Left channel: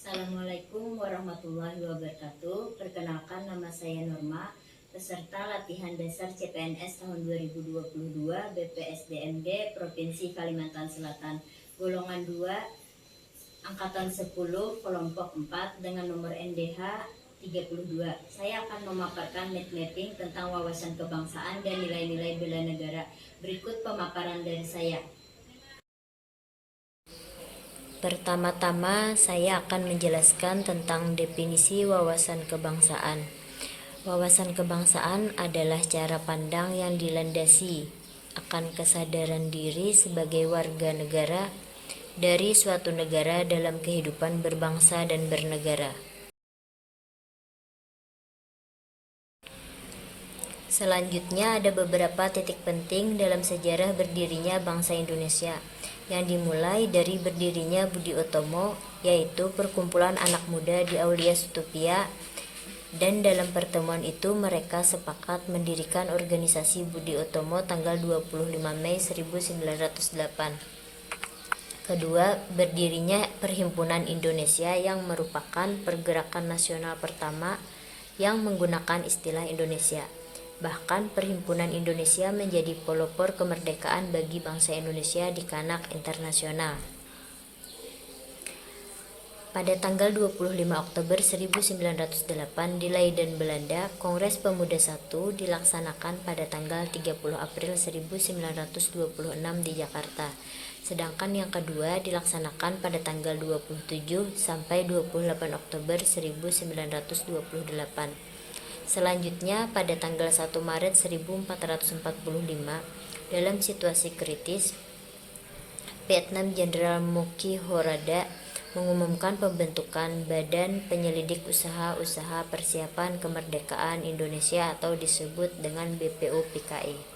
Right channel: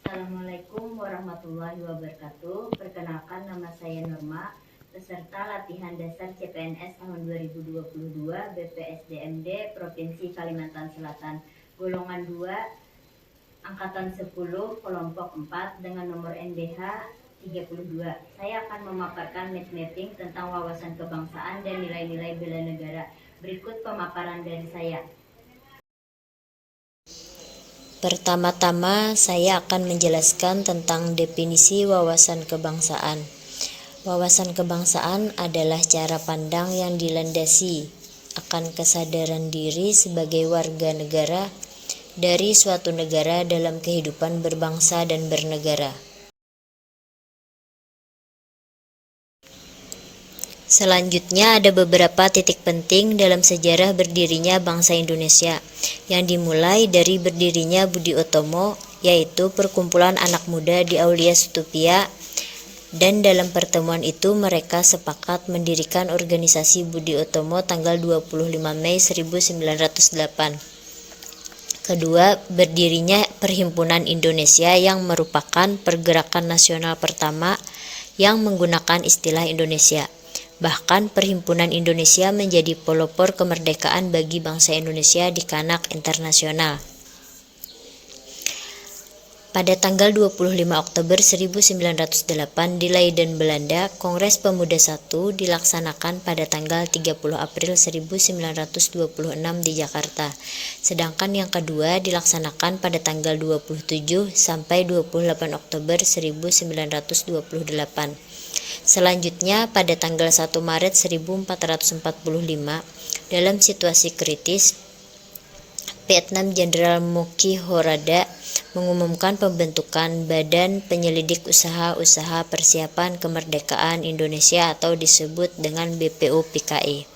Assalamualaikum warahmatullahi wabarakatuh. Perkenalkan, nama saya Norma, peserta latihan dasar CPNS tahun 2022 BPSDMD Provinsi Kalimantan Selatan, golongan 2, angkatan 10, kelompok 4 dengan nomor NDH 32. Saya akan memaparkan mapping tentang wawasan kebangsaan dan nilai-nilai bela negara. Berikut pemaparan dari saya. Pertama-tama, saya akan menjelaskan tentang definisi wawasan kebangsaan. Wawasan kebangsaan adalah cara pandang yang dilandasi akan kesadaran diri sebagai warga negara dari suatu negara dalam kehidupan berbangsa dan bernegara. Selanjutnya ada beberapa titik penting dalam sejarah berdirinya bangsa Indonesia yang dimulai dari berdirinya Budi Utomo, yaitu perkumpulan anak muda di Aulia Stupia, dan dalam pertemuan itu mereka sepakat mendirikan organisasi Budi Utomo tanggal 25 Mei 1908. Kedua, berdirinya Perhimpunan Indonesia yang merupakan pergerakan nasional pertama yang menggunakan istilah Indonesia. Bahkan Perhimpunan Indonesia menjadi pelopor kemerdekaan bagi bangsa Indonesia di kancah internasional. Pada tanggal 25 Oktober 1908 di Leiden, Belanda, Kongres Pemuda I dilaksanakan pada tanggal 30 April 1926 di Jakarta. Sedangkan yang kedua dilaksanakan pada tanggal 27 sampai 28 Oktober 1928. Selanjutnya pada tanggal 1 Maret 1445, dalam situasi kritis, Vietnam Jenderal Moki Horada mengumumkan pembentukan Badan Penyelidik Usaha-Usaha Persiapan Kemerdekaan Indonesia atau disebut dengan BPUPKI.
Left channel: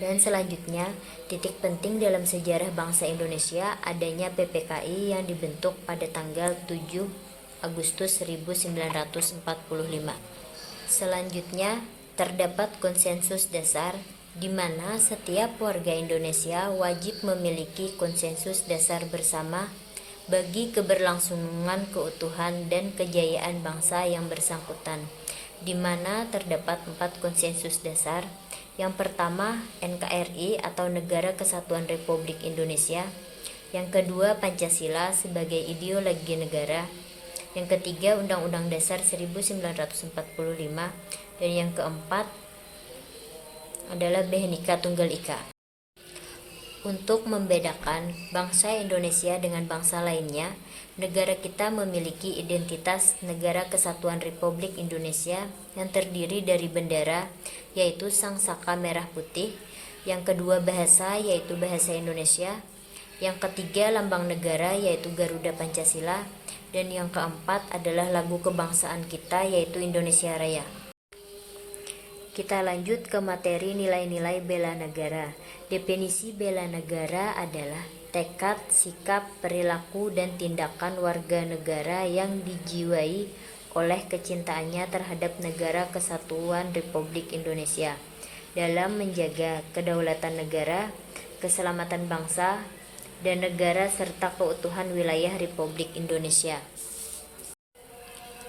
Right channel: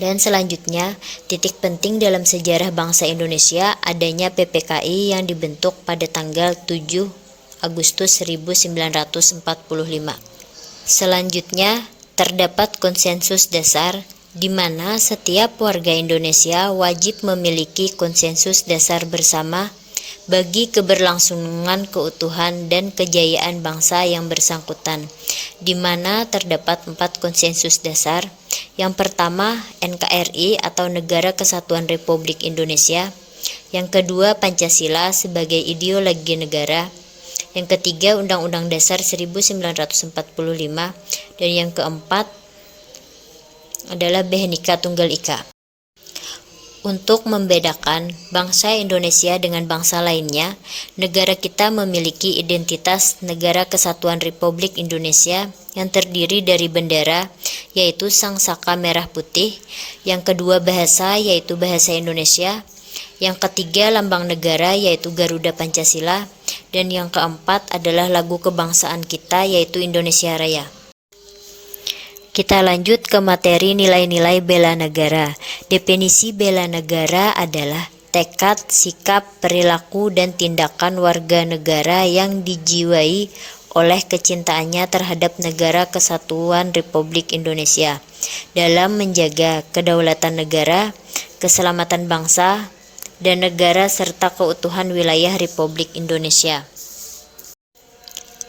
Dan selanjutnya, titik penting dalam sejarah bangsa Indonesia adanya PPKI yang dibentuk pada tanggal 7 Agustus 1945. Selanjutnya, terdapat konsensus dasar di mana setiap warga Indonesia wajib memiliki konsensus dasar bersama bagi keberlangsungan keutuhan dan kejayaan bangsa yang bersangkutan, di mana terdapat 4 konsensus dasar. Yang pertama, NKRI atau Negara Kesatuan Republik Indonesia. Yang kedua, Pancasila sebagai ideologi negara. Yang ketiga, Undang-Undang Dasar 1945, dan yang keempat adalah Bhinneka Tunggal Ika. Untuk membedakan bangsa Indonesia dengan bangsa lainnya, negara kita memiliki identitas Negara Kesatuan Republik Indonesia yang terdiri dari bendera, yaitu Sang Saka Merah Putih. Yang kedua, bahasa, yaitu bahasa Indonesia. Yang ketiga, lambang negara, yaitu Garuda Pancasila. Dan yang keempat adalah lagu kebangsaan kita, yaitu Indonesia Raya. Kita lanjut ke materi nilai-nilai bela negara. Definisi bela negara adalah tekad, sikap, perilaku, dan tindakan warga negara yang dijiwai oleh kecintaannya terhadap Negara Kesatuan Republik Indonesia dalam menjaga kedaulatan negara, keselamatan bangsa dan negara serta keutuhan wilayah Republik Indonesia.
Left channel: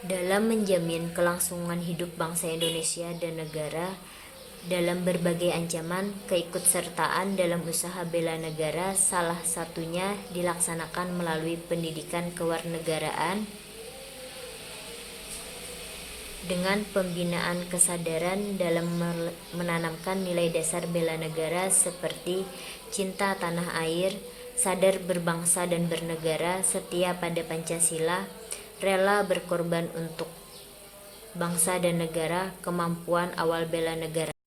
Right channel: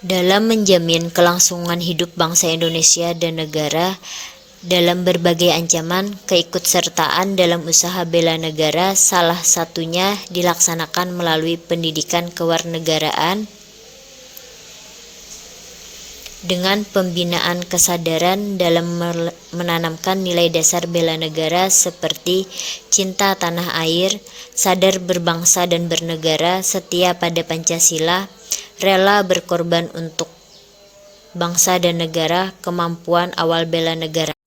Dalam menjamin kelangsungan hidup bangsa Indonesia dan negara dalam berbagai ancaman, keikutsertaan dalam usaha bela negara salah satunya dilaksanakan melalui pendidikan kewarganegaraan dengan pembinaan kesadaran dalam menanamkan nilai dasar bela negara seperti cinta tanah air, sadar berbangsa dan bernegara, setia pada Pancasila, rela berkorban untuk bangsa dan negara, kemampuan awal bela negara.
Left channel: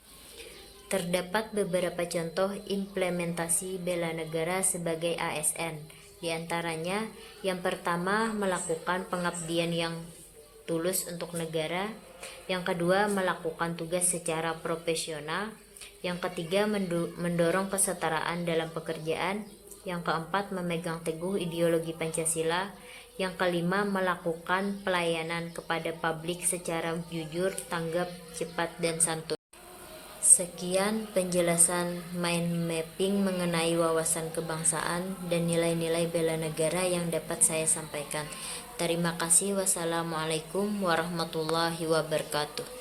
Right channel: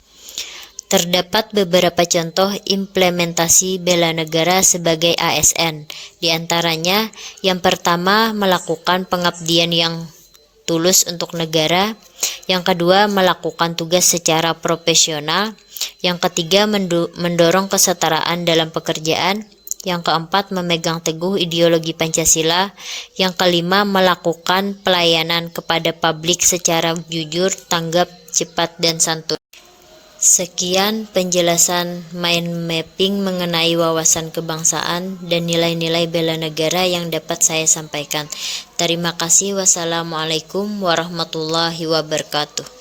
Terdapat beberapa contoh implementasi bela negara sebagai ASN. Di antaranya, yang pertama, melakukan pengabdian yang tulus untuk negara. Yang kedua, melakukan tugas secara profesional. Yang ketiga, mendorong kesetaraan dalam pekerjaan. Yang keempat, memegang teguh ideologi Pancasila. Yang kelima, melakukan pelayanan kepada publik secara jujur, tanggap, cepat, dan santun. Sekian penjelasan mind mapping mengenai wawasan kebangsaan dan nilai-nilai bela negara yang dapat saya sampaikan. Terima kasih. Wassalamualaikum warahmatullahi wabarakatuh.